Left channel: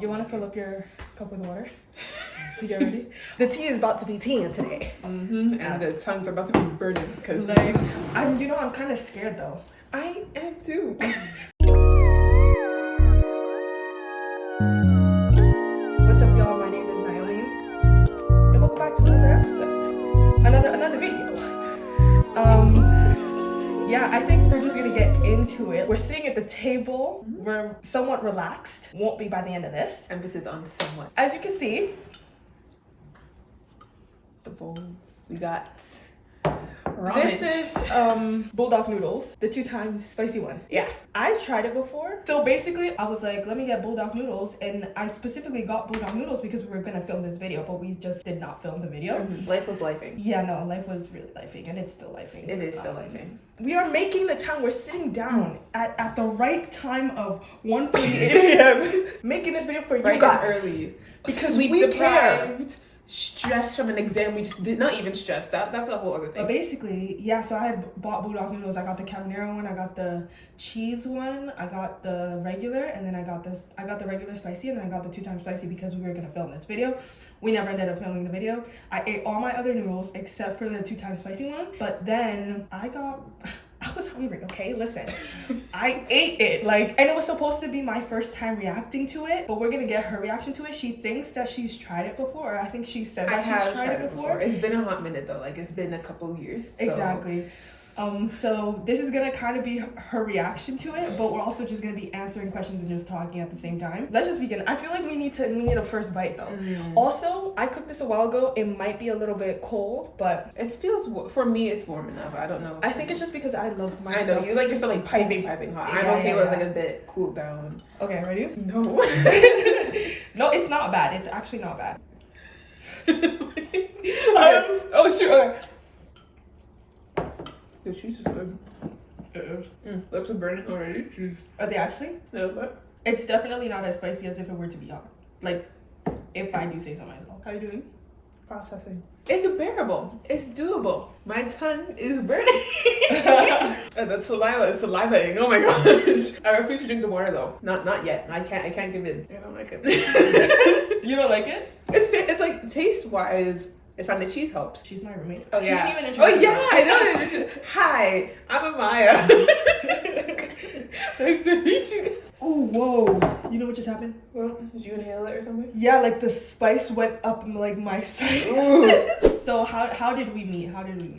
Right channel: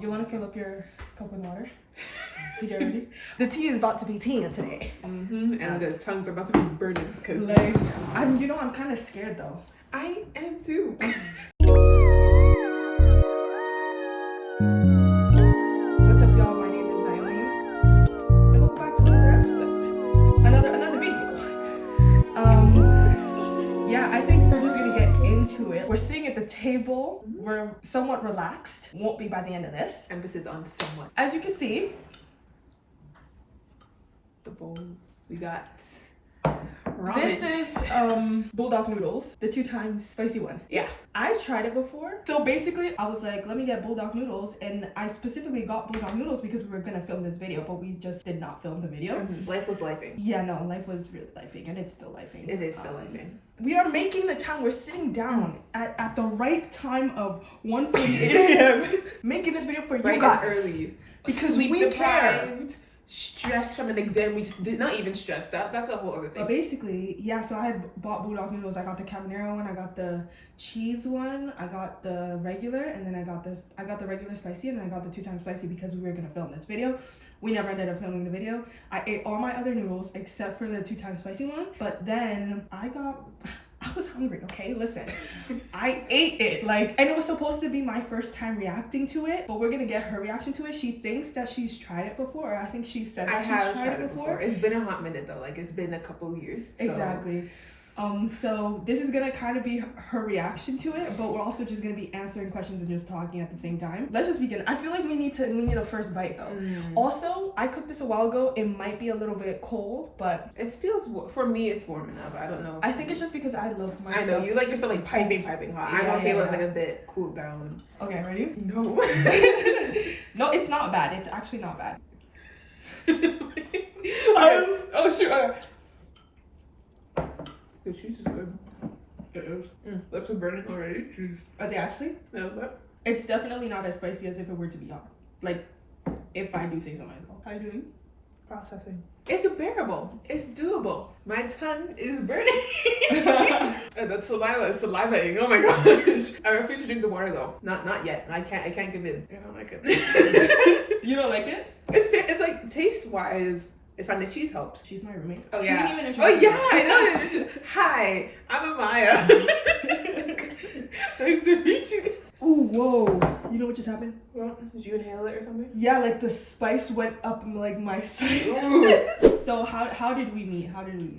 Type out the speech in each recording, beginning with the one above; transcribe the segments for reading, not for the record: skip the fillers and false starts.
You want to fill up your cup with water to get ready? The tea is about to be teaing today. And the tongues are about to be burning because like I'm kind of scared though. I am too. What's up, y'all? My name is Naomi, and welcome back to another episode, another video. Yeah, I think we're just gonna get into it. We're sitting at the table. We're somewhat relaxed. Won't be by the end of this. Emphasis on somewhat. As you can see, the bowls we got. Ramen. This is buldak noodles, the 2 times spicy one. Yeah, I tried it before. So basically, I was like, let me get buldak noodles, and I specifically got buldak noodles because we were gonna film this video, but we just did not film the video. Life was lifing. Yeah, no, life was really lifing, and it's still lifing. It is still lifing. We are making the time. We're sitting down at the right time of 1:48 a.m. making this video for you guys early because Sleep we care. deprived, stressed from an exam. We just did not even stressed. That's a whole other thing. But basically, yeah, so I had bought buldak noodles. I got the cabanero one, I got the cheese one, I got the regular, and then I got the regular spicy, and then I got the 2 times spicy because we were gonna film this video. We never ended up filming the video. I ate all my other noodles except for the 2 times spicy one, but then I was hungry, okay? Listen, I ate it, and it was supposed to be my first time reacting to it, but we're gonna get her reaction to it. She thinks that she's tried it before, or I think she said that she's tried it before. It's been a hot minute though, it's been a couple of years. So. Exactly. So this is gonna kind of be her reaction to it, but we're also just gonna be answering questions and just talking at the same time. Let's just begin. I feel like we need a first bite though. Also, I cooked this a while ago. It might be a little bit cold, but it feels, for me, it's warm enough. I don't know. I think it's just because I love my stuff. I know, you like your stuff piping hot. Yeah, I don't feel a bit cooled down. Okay, ready? No. No, it's not bad. It's actually not bad. Oh shoot, okay. The cheese is good. It is. Lips are burning already. Jeez. Are they actually? No, but it's definitely not as spicy as if it were to be hot. If I do say so myself. How are you doing? Processing. It's bearable. It's doable. My tongue is burning. And that saliva is salivating. Oh my gosh. I refuse to drink the water though. Not yet. I can't give in. I don't like it. You don't like it? It's like taste wise. It's fine. The cheese helps. She's my roommate. Oh, she yeah. didn't even introduce herself. I know. Hi, I'm Amaya. Nice to meet you. Ooh, whoa. You know what just happened? Well, did you inhale it or something? Yeah, the spice went up my sides. So how did we meet?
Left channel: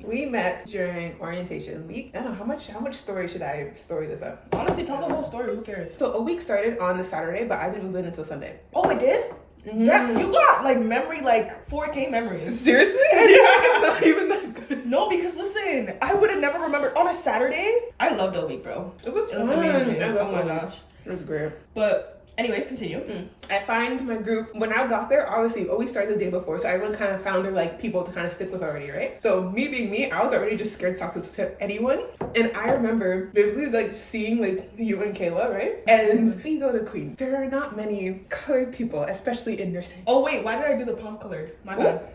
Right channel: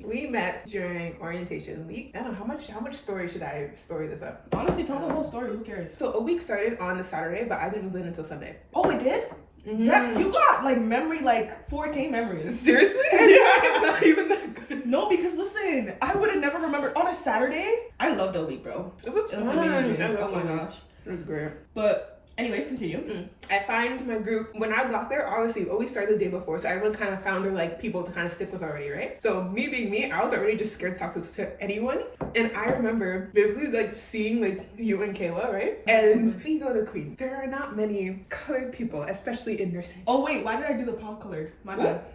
We met during orientation week. I don't know how much story should I story this up? Honestly, tell the whole story. Who cares? So a week started on the Saturday, but I didn't move in until Sunday. Oh, it did? That, you got memory 4K memories. Seriously? Yeah. It's not even that good. No, because listen, I would have never remembered on a Saturday. I loved the week, bro. It was amazing. Oh my gosh. It was great. But anyways, continue. I find my group, when I got there, obviously we always started the day before, so everyone kind of found their people to kind of stick with already, right? So me being me, I was already just scared to talk to anyone. And I remember vividly seeing you and Kayla, right? And we go to Queens. There are not many colored people, especially in nursing. Oh wait, why did I do the palm colored? My bad.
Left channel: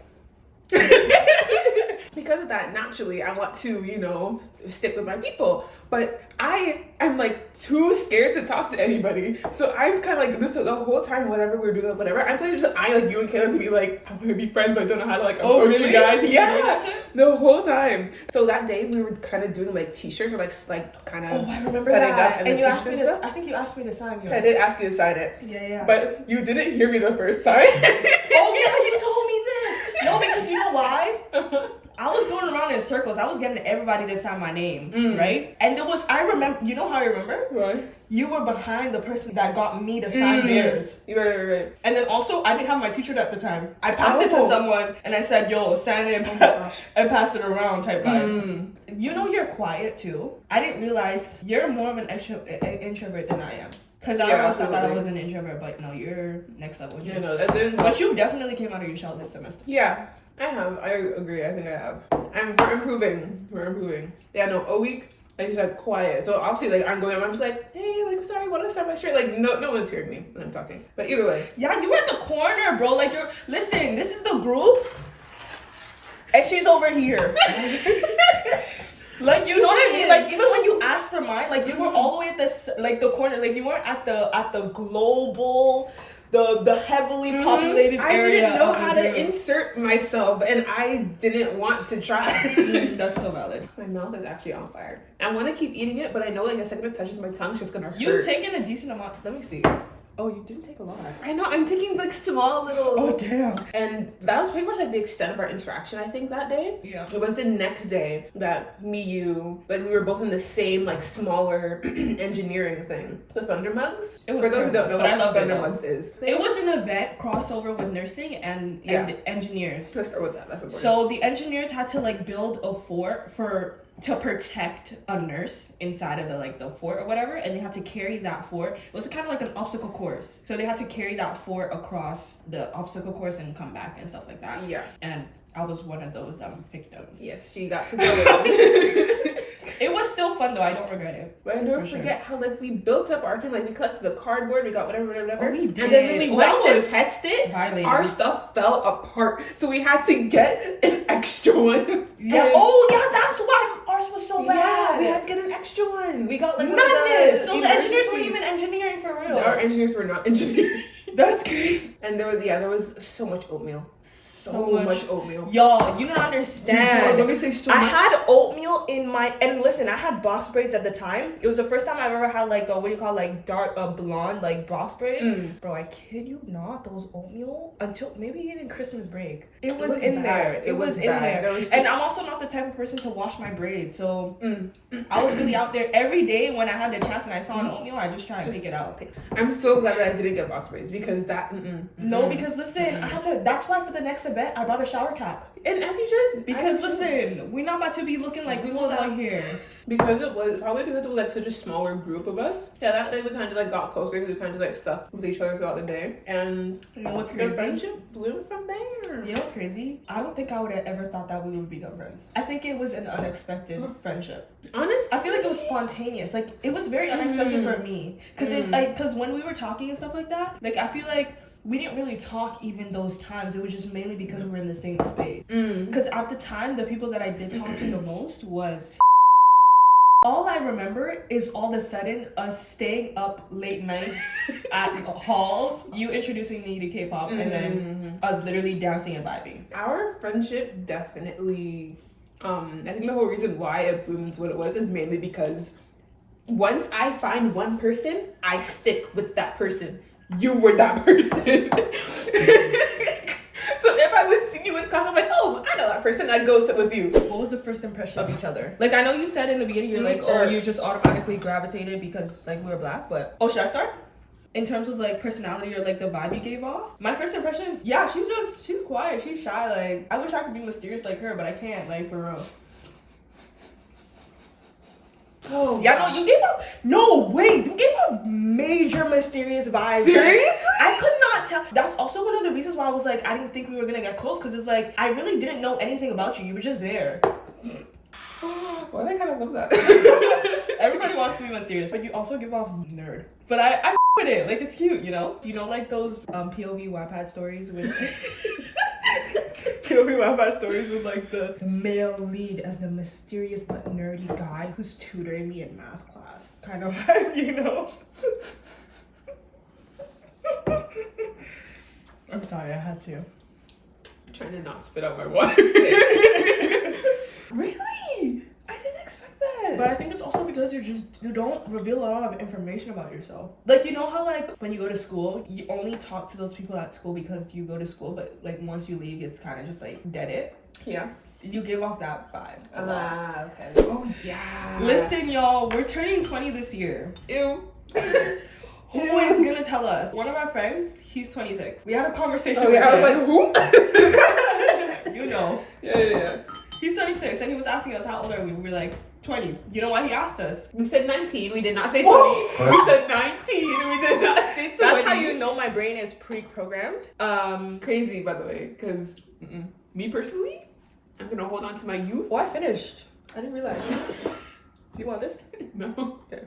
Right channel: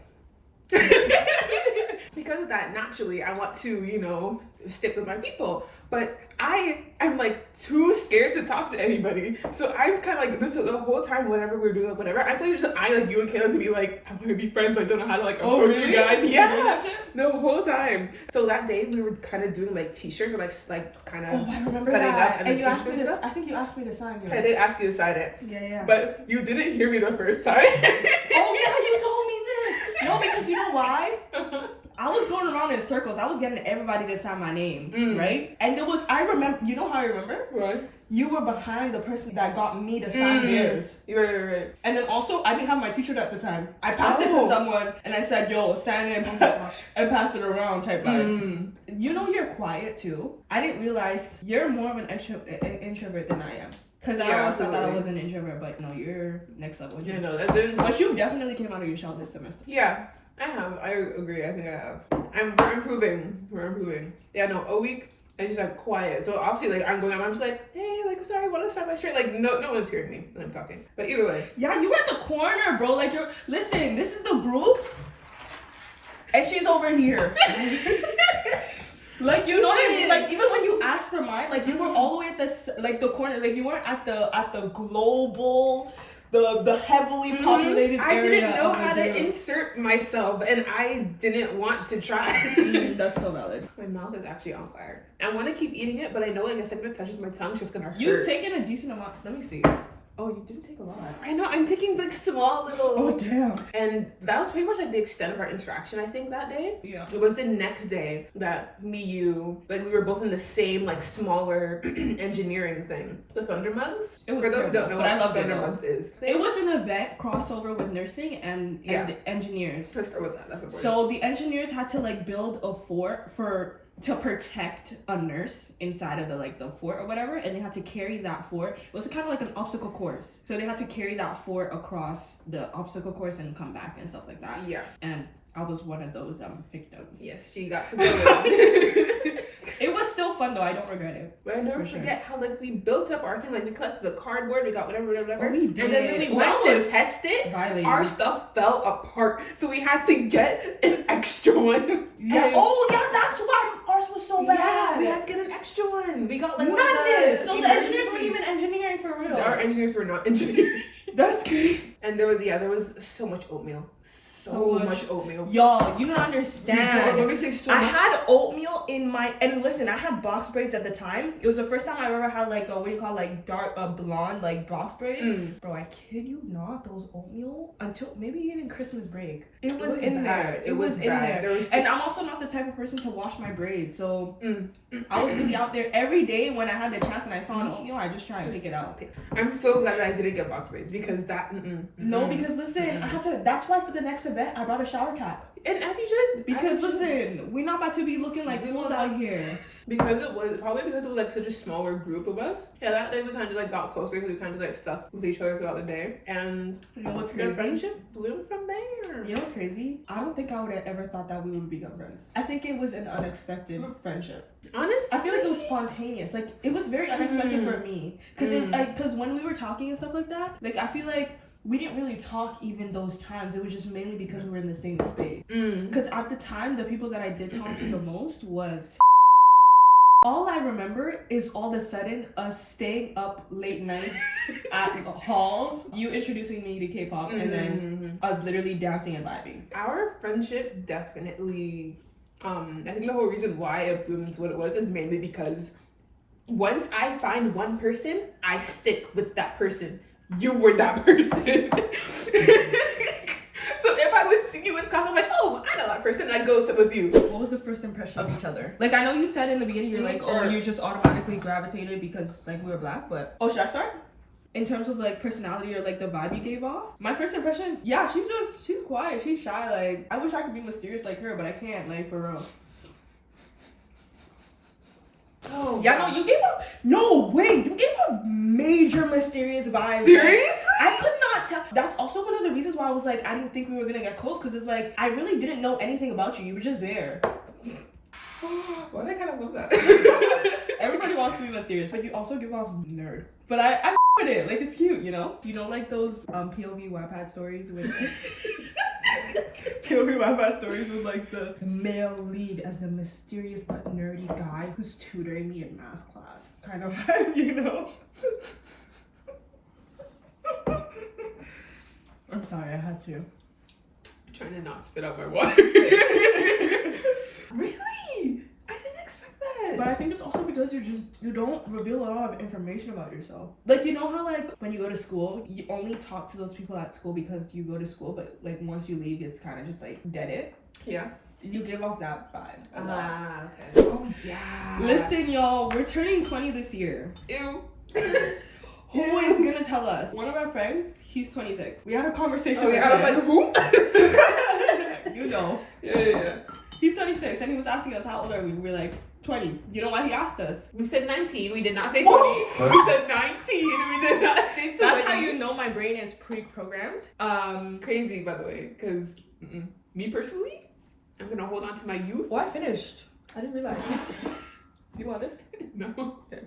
Because of that, naturally, I want to, stick with my people. But I am too scared to talk to anybody. So I'm kind of this the whole time, whatever we're doing, whatever. I'm playing just you and Kayla to be I want to be friends, but I don't know how to approach you guys. Yeah, the whole time. So that day we were kind of doing t-shirts or kind of. Oh, I remember that. And you asked me to. I think you asked me to sign yours. I did ask you to sign it. Yeah. But you didn't hear me the first time. Oh yeah, you told me this. No, because you know why? I was going around in circles. I was getting everybody to sign my name, right? And I remember, you know how I remember? What? You were behind the person that got me to sign theirs. Right. And then also, I didn't have my t-shirt at the time. I passed it to someone and I said, yo, sign it and pass it around type vibe. You know you're quiet too. I didn't realize you're more of an introvert than I am. Because I always thought that I was an introvert, but no, you're next level. But you definitely came out of your shell this semester. Yeah, I have. I agree. I think I have. And we're improving. Yeah, no, a week, I just quiet. So obviously, I'm just hey, sorry, want to sign my shirt? No one's hearing me when I'm talking. But either way. Yeah, you were at the corner, bro. Listen, this is the group. And she's over here. You know what I mean? Even when you asked for mine, you were all the way at the corner. You weren't at the global the heavily populated I area. didn't know of how the to room. insert myself, and I didn't want to try. That's so valid. My mouth is actually on fire. I want to keep eating it, but I know like the second it touches my tongue, it's just gonna hurt. You've taken a decent amount. Let me see. Oh, you didn't take a lot. I know, I'm taking like small little. Oh, damn. And that was pretty much like the extent of our interaction, I think, that day. Yeah. It was the next day that you, like we were both in the same like smaller engineering thing. The Thunder Mugs. It was For those who don't know but I what loved it, Thunder though. Mugs is. It was an event crossover with nursing and engineers. Let's start with that. That's important. So the engineers had to like build a fort to protect a nurse inside of the fort or whatever, and they had to carry that fort. It was kind of like an obstacle course, so they had to carry that fort across the obstacle course and come back and stuff like that. Yeah. And I was one of those victims. Yes, she got to go. It was still fun though. I don't regret it. But I never forget how like we built up our thing. Like we collected the cardboard, we got whatever. Oh, we did. And then when we went to test it, violated. our stuff fell apart. So we had to get an extra one. Yeah. Oh yeah, that's why ours was so bad. Yeah, we had to get an extra one. We got like madness. So the engineers weren't even engineering for real. Our engineers were not engineering. That's great. And there was so much oatmeal. So much oatmeal. Y'all, you don't understand. Let me say so I much. had oatmeal in my, and listen, I had box braids at the time. It was the first time I've ever had like the, what do you call, like dark blonde like box braids. Bro, I kid you not, those oatmeal until maybe even Christmas break. It was in there. It was in there. And I'm also not the type of person to wash my braids. So I was really out there every day when I had the chance and I saw an oatmeal, I just try and pick it out. I'm so glad that I didn't get box braids because that No, because listen, I had to, that's why for the next event I brought a shower cap. And as you should. Because listen, we're not about to be looking like fools out here. Because it was like such a smaller group of us. Yeah, that day we kind of just like got closer because we kind of just like stuck with each other throughout the day. And you know what's the crazy? friendship bloomed from there. You know what's crazy? I don't think I would have ever thought that we would become friends. I think it was an unexpected friendship. Honestly, I feel like it was spontaneous. Like it was very unexpected for me. Because when we were talking and stuff like that, like I feel like we didn't really talk even those times. It was just mainly because we were in the same space. Because at the time, the people that I did talk to the most was... All I remember is all of a sudden us staying up late nights at halls, you introducing me to K-pop, and then us literally dancing and vibing. Our friendship definitely, I think the whole reason why it blooms what it was is mainly because once I find one person, I stick with that person. You were that person. So if I would see you in class, I'm like, oh, I know that person. I'd go sit with you. What was the first impression of each other? Like, I know you said in the beginning, you're like, oh, you just automatically gravitated because, like, we were black, but... Oh, should I start? In terms of, like, personality or, like, the vibe you gave off? My first impression, yeah, she's quiet, she's shy, like, I wish I could be mysterious like her, but I can't, like, for real. Oh, yeah, no, you gave up. No, wait, you gave up major mysterious vibes. Serious? I could not tell. That's also one of the reasons why I was like, I didn't think we were gonna get close, because it's like, I really didn't know anything about you. You were just there. Well, I kind of love that. Everybody wants to be mysterious, but you also give off nerd. But I with it. Like, it's cute, you know? Do you know, like, those POV Wattpad stories with... POV Wattpad stories with, like, the male lead as the mysterious but nerdy guy who's tutoring me in math class. Kind of vibe, you know? I'm sorry, I had to. I'm trying to not spit out my water. Really? I didn't expect that. But I think it's also because you don't reveal a lot of information about yourself. Like, you know how, like, when you go to school, you only talk to those people at school because you go to school, but, like, once you leave, it's kind of just, like, dead it. Yeah. You give off that vibe a lot. Okay. Oh, yeah. Listen, y'all, we're turning 20 this year. Ew. Who is gonna tell us? One of our friends, he's 26. We had a conversation with him. I was like, who? You know. Yeah. He's 26, and he was asking us how old are we. We were like, 20. You know why he asked us? We said 19. We did not say 20. We said 19. We did not say 20. That's how you know my brain is pre-programmed. Crazy, by the way, because me personally, I'm gonna hold on to my youth. Oh, I finished. I didn't realize. Do you want this? No. Okay.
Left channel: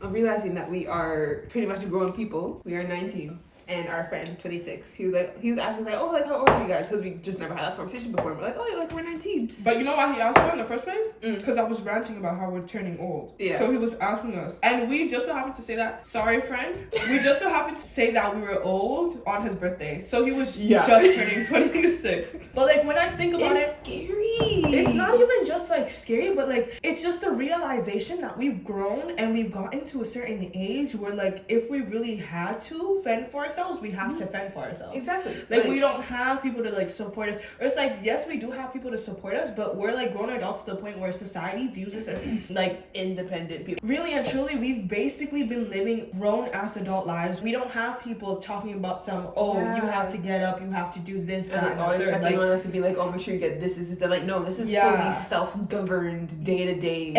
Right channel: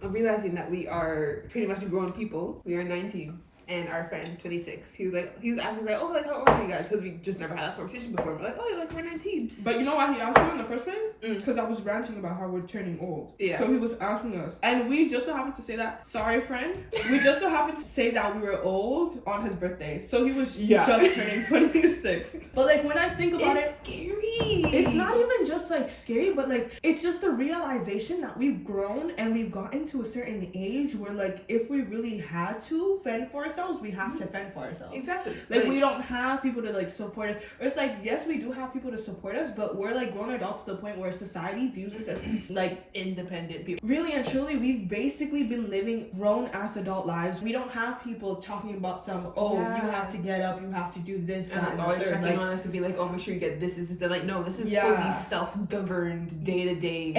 I'm realizing that we are pretty much grown people. We are 19. and our friend 26. He was asking like, oh, like how old are you guys? Because we just never had that conversation before. We're like, oh, like we're 19. But you know why he asked her in the first place? Because I was ranting about how we're turning old. Yeah. So he was asking us, and we just so happened to say that. Sorry, friend. We just so happened to say that we were old on his birthday. So he was just turning 26. But like when I think about it's scary. It's not even just like scary, but like it's just the realization that we've grown and we've gotten to a certain age where like if we really had to fend for ourselves, we have to fend for ourselves. Exactly. Like we don't have people to like support us. Or it's like, yes, we do have people to support us, but we're like grown adults to the point where society views us as like independent people. Really and truly, we've basically been living grown ass adult lives. We don't have people talking about you have to get up, you have to do this, that, and always checking on us to be like, oh, make sure you get this is like, no, this is fully self-governed day-to-day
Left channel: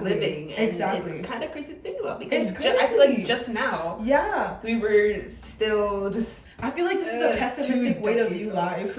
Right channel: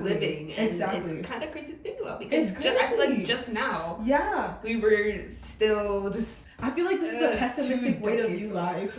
living. And it's kind of crazy to think about because I feel like just now we were still just I feel like this is a pessimistic way to view life.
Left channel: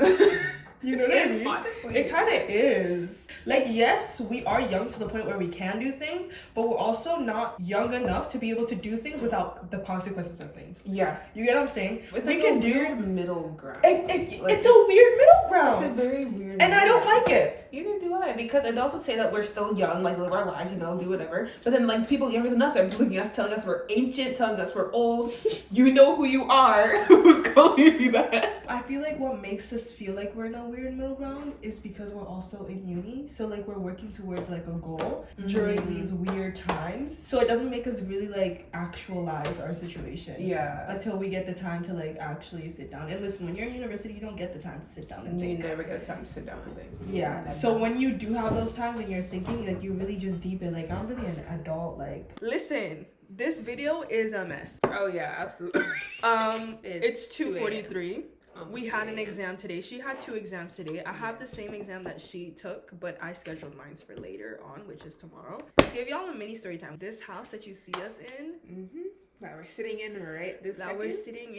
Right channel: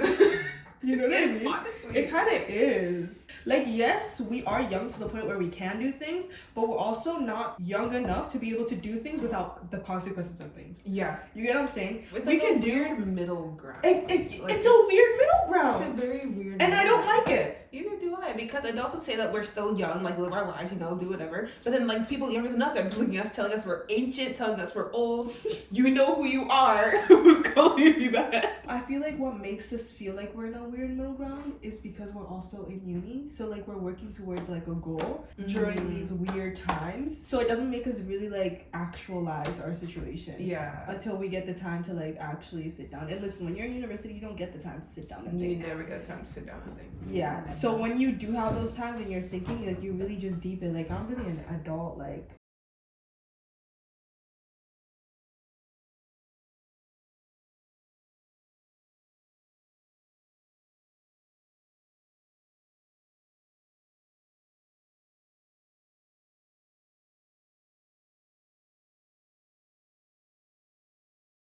You know what I mean? Honestly, it kind of is. Like, yes, we are young to the point where we can do things, but we're also not young enough to be able to do things without the consequences of things. Yeah. You get what I'm saying? It's like a weird middle ground. It's a weird middle ground. It's a very weird and I don't like it. Neither do I, because it also say that we're still young, like live our lives, do whatever. But then like people younger than us are looking at us, telling us we're ancient, telling us we're old. You know who you are. Who's calling you that? I feel like what makes us feel like we're in a weird middle ground is because we're also in uni. So like we're working towards like a goal during these weird times. So it doesn't make us really like actualize our situation. Yeah. Until we get the time to like actually sit down. And listen, when you're in university, you don't get the time to sit down and think. You never get the time to sit down and think. Yeah. So when you do have those times and you're thinking, like you really just deep in, like I'm really an adult. Like listen, this video is a mess. Oh yeah, absolutely. It's 2:43. We had an exam today. She had 2 exams today. I have the same exam that she took, but I scheduled mine for later on, which is tomorrow. Let's give y'all a mini story time. This house that you see us in, that we're sitting in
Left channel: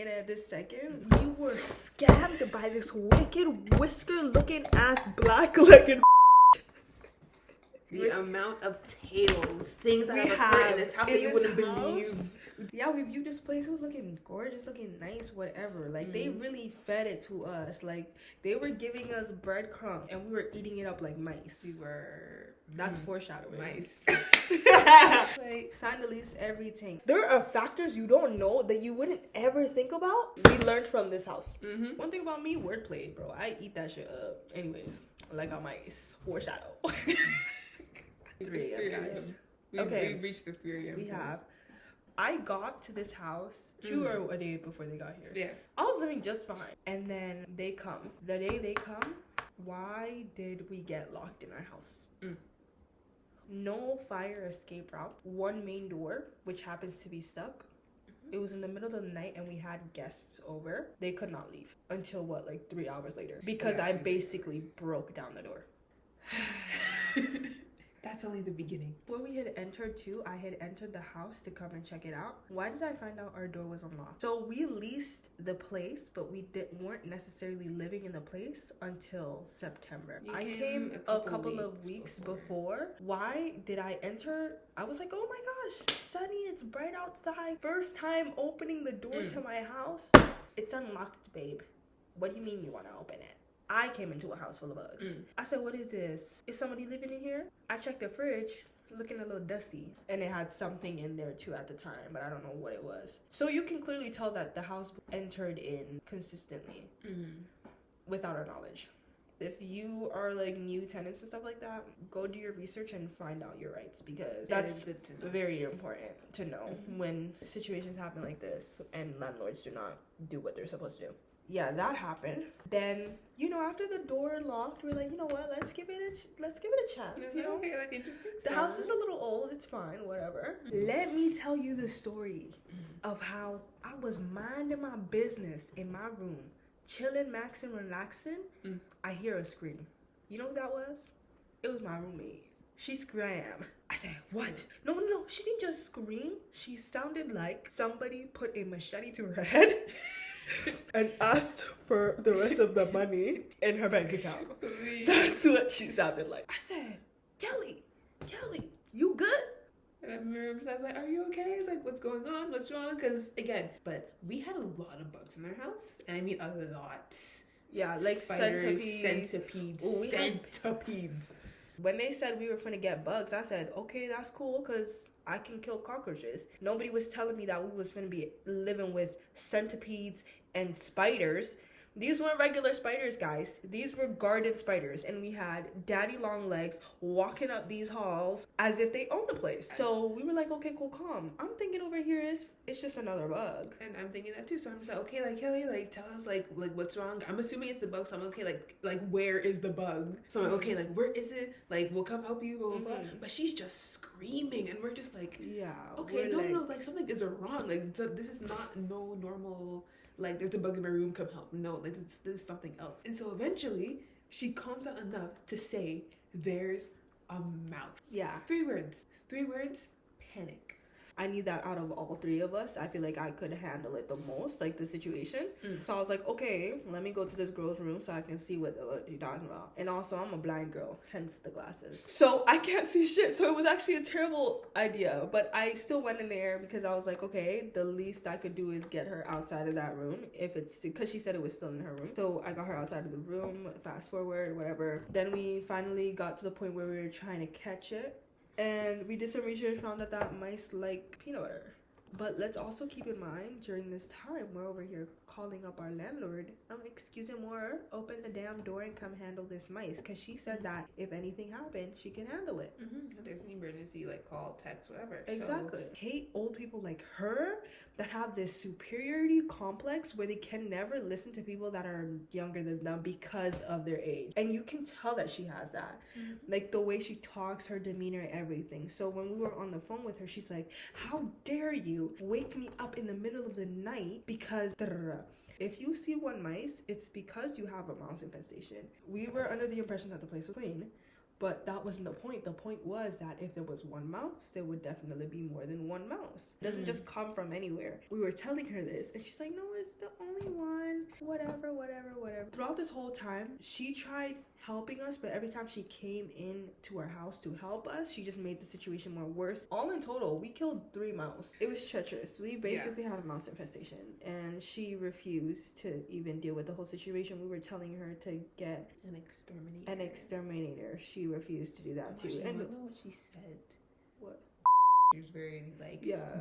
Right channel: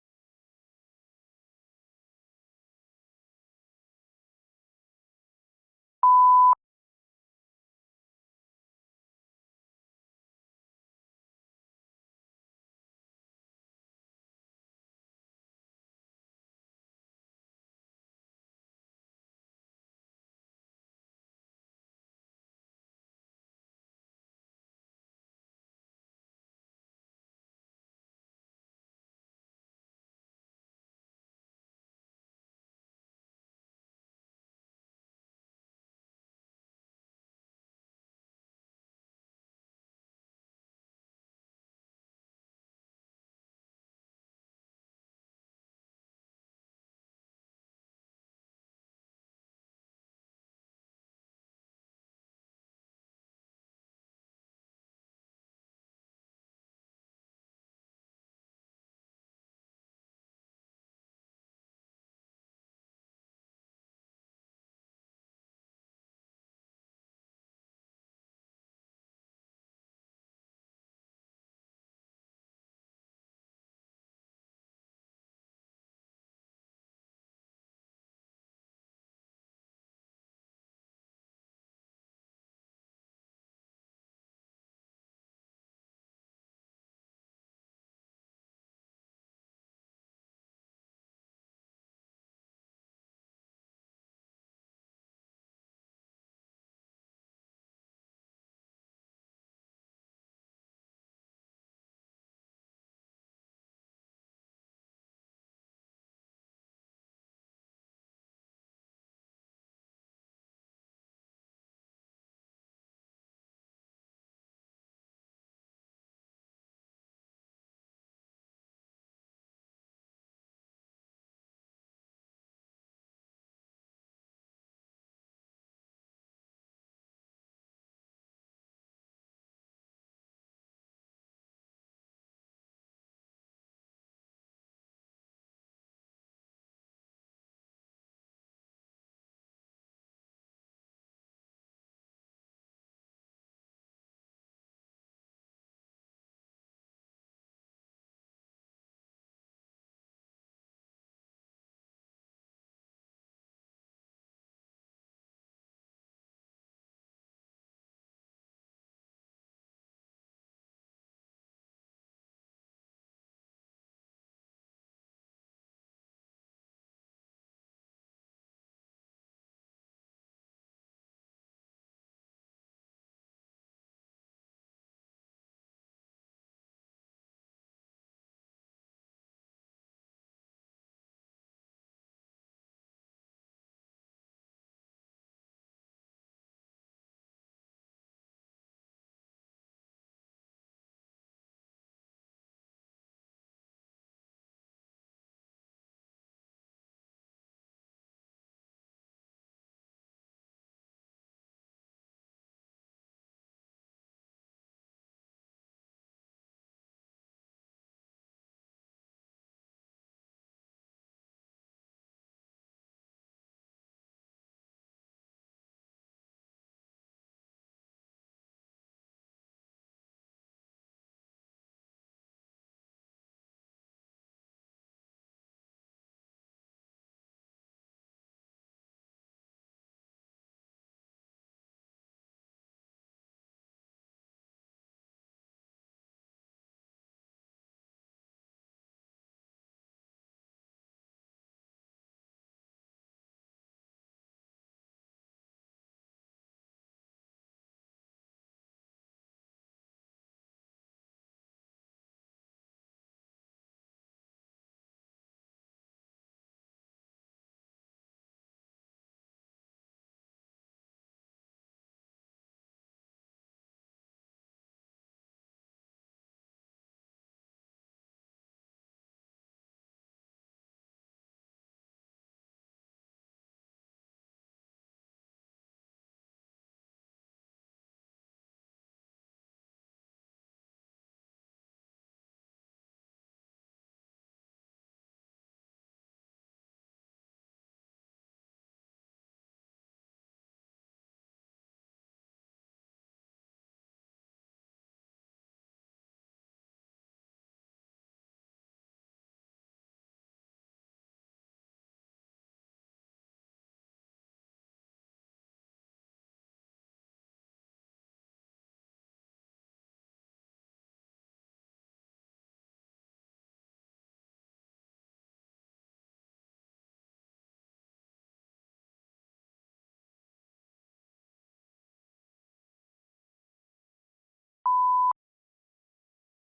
at this second, we were scammed by this wicked whisker-looking ass black-legged. The amount of tales, things that have occurred in this house that you wouldn't believe. Yeah, we viewed this place. It was looking gorgeous, looking nice, whatever. Like, they really fed it to us. Like, they were giving us breadcrumbs, and we were eating it up like mice. We were... That's foreshadowing. Mice. Like, chandeliers, everything. There are factors you don't know that you wouldn't ever think about. We learned from this house. One thing about me, wordplay, bro. I eat that shit up. Anyways, like on mice. Foreshadow. 3 a.m., guys. We've reached the 3 a.m. We have. I got to this house 2 or a day before they got here. Yeah. I was living just fine. And then they come. The day they come, why did we get locked in our house? No fire escape route. One main door, which happens to be stuck. It was in the middle of the night and we had guests over. They could not leave until like 3 hours later. Because I basically broke down the door. That's only the beginning. When we had entered too, I had entered the house to come and check it out. Why did I find out our door was unlocked? So we leased the place, but we weren't necessarily living in the place until September. I came a couple of weeks before. Why did I enter? I was like, oh my gosh, sunny, it's bright outside. First time opening the door to my house. It's unlocked, babe. What do you mean you want to open it? I came into a house full of bugs. I said, what is this? Is somebody living in here? I checked the fridge, looking a little dusty. And it had something in there too at the time, but I don't know what it was. So you can clearly tell that the house entered in consistently without our knowledge. If you are like new tenants and stuff like that, go do your research and find out your rights, because that's very important to know when situations happen like this and landlords do not do what they're supposed to do. Yeah, that happened. Then, after the door locked, we're like, you know what? Let's give it a chance. Okay, like interesting. The house is a little old. It's fine, whatever. Let me tell you the story of how I was minding my business in my room, chilling, maxing, relaxing. I hear a scream. You know what that was? It was my roommate. She screamed. I said, what? No. She didn't just scream. She sounded like somebody put a machete to her head. And asked for the rest of the money in her bank account. That's what she sounded like. I said, Kelly, you good? And I remember I was like, are you okay? It's like, what's going on? What's wrong? Because, again, but we had a lot of bugs in our house, and I mean a lot. Yeah, like Spiders, centipedes. Centipedes. When they said we were gonna get bugs, I said, okay, that's cool, because I can kill cockroaches. Nobody was telling me that we was gonna be living with centipedes and spiders. These weren't regular spiders, guys. These were garden spiders. And we had daddy long legs walking up these halls as if they owned the place. So we were like, okay, cool, calm. I'm thinking over here it's just another bug. And I'm thinking that too. So I'm just like, okay, like Kelly, like tell us like what's wrong. I'm assuming it's a bug. So I'm okay, like where is the bug? So I'm like, okay, like where is it? Like we'll come help you, blah, blah, blah. But she's just screaming, and we're just like, yeah, okay, no, like something is wrong. Like this is not no normal. Like, there's a bug in my room, come help. No, like, this is something else. And so eventually, she calms down enough to say, there's a mouse. Yeah. 3 words. 3 words, panic. I knew that out of all 3 of us, I feel like I could handle it the most, like the situation. So I was like, okay, let me go to this girl's room so I can see what you're talking about. And also, I'm a blind girl, hence the glasses. So I can't see shit. So it was actually a terrible idea. But I still went in there because I was like, okay, the least I could do is get her outside of that room. If it's because she said it was still in her room. So I got her outside of the room, fast forward, whatever. Then we finally got to the point where we were trying to catch it. And we did some research, found that mice like peanut butter. But let's also keep in mind, during this time, we're over here calling up our landlord. Excuse me, more, open the damn door and come handle this mice. Because she said that if anything happened, she can handle it. If there's an emergency, like call, text, whatever. Exactly. So, hate old people like her that have this superiority complex where they can never listen to people that are younger than them because of their age. And you can tell that she has that. Like the way she talks, her demeanor, everything. So when we were on the phone with her, she's like, how dare you wake me up in the middle of the night because if you see one mice, it's because you have a mouse infestation. We were under the impression that the place was clean, but that wasn't the point. The point was that if there was one mouse, there would definitely be more than one mouse. It doesn't just come from anywhere. We were telling her this, and she's like, no, it's the only one. Whatever. Throughout this whole time, she tried helping us, but every time she came in to our house to help us, she just made the situation more worse. All in total, we killed 3 mouse. It was treacherous. We basically had a mouse infestation, and she refused to even deal with the whole situation. We were telling her to get an exterminator. She refused to do that too. And I know what she said. What? She was very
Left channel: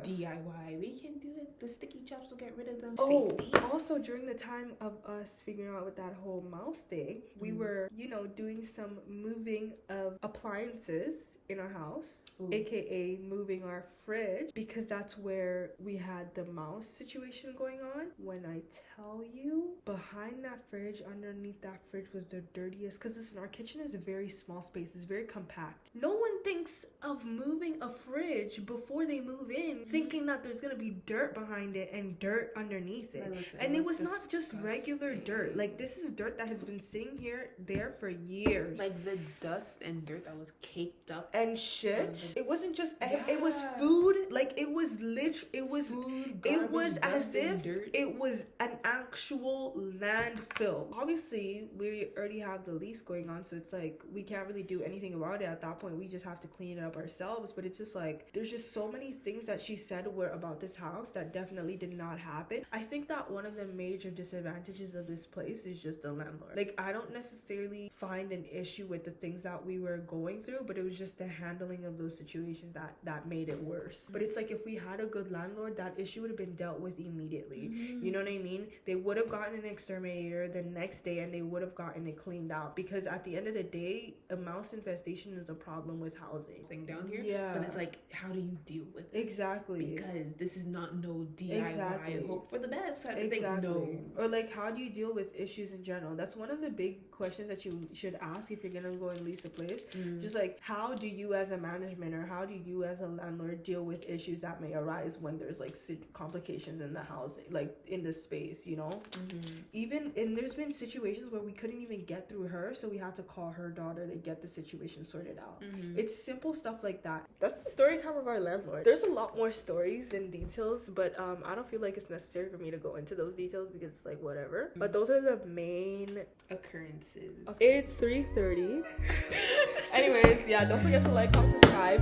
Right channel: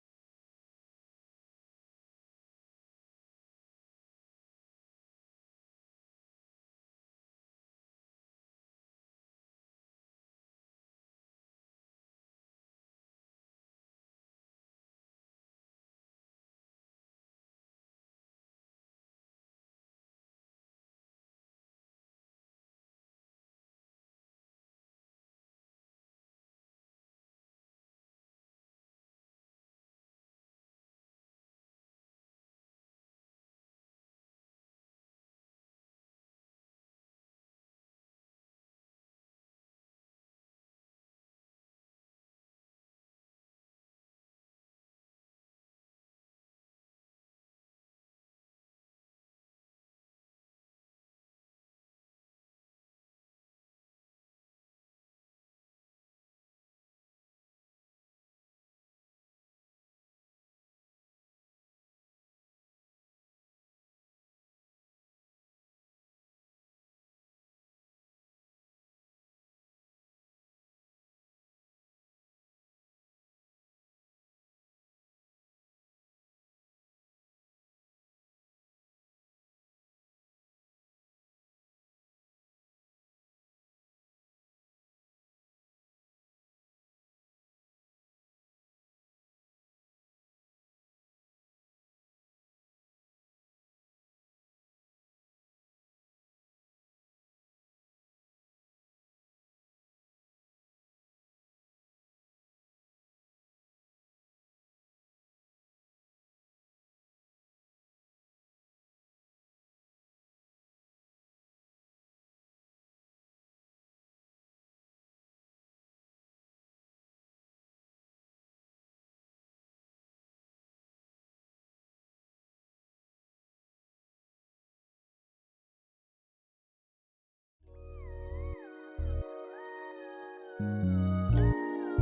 DIY. We can do it. The sticky chops will get rid of them. Oh, also during the time of us figuring out with that whole mouse thing, we were, doing some moving of appliances in our house, aka moving our fridge, because that's where we had the mouse situation going on. When I tell you, behind that fridge, underneath that fridge was the dirtiest, because listen, our kitchen is a very small space, it's very compact. No one thinks of moving a fridge before they move in, thinking that there's gonna be dirt behind it and dirt underneath it. And it was not just regular dirt. Like, this is dirt that has been sitting there for years. Like the dust and dirt that was caked up and shit. It wasn't just it was food. Like, it was food, it was as if dirt. It was an actual landfill. Obviously, we already have the lease going on, so it's like we can't really do anything about it at that point. We just have to clean it up ourselves. But it's just like there's just so many things that she said were about this house that definitely did not happen. I think that one of the major disadvantages of this place is just the landlord. Like, I don't necessarily find an issue with the things that we were going through, but it was just the handling of those situations that made it worse. But it's like if we had a good landlord, that issue would have been dealt with immediately. You know what I mean? They would have gotten an exterminator the next day and they would have gotten it cleaned out, because at the end of the day, a mouse infestation is a problem with housing. Thing down here, yeah. But it's like, how do you deal with it? Exactly. Because this is not no DIY. Exactly. Hope for the best. Exactly. No. Or like, how do you deal with issues in general? That's one of the big questions that you should ask if you're gonna go and lease a place. Just like, how do you as a management or how do you as a landlord deal with issues that may arise when there's like complications in the housing, like in the space, Even, and there's been situations where we couldn't even get through her, so we had to call her daughter to get the situation sorted out. It's simple stuff like that. That's the story time of our landlord. There's a lot more stories and details, but I don't feel like it's necessary for me to go into those details because it's like whatever. But those are the main occurrences. It's 3:30. Anyways, yeah, don't forget to like, comment, subscribe.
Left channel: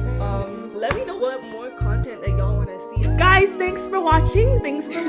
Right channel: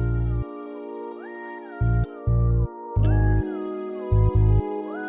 Let me know what more content that y'all want to see. Guys, thanks for watching. Thanks for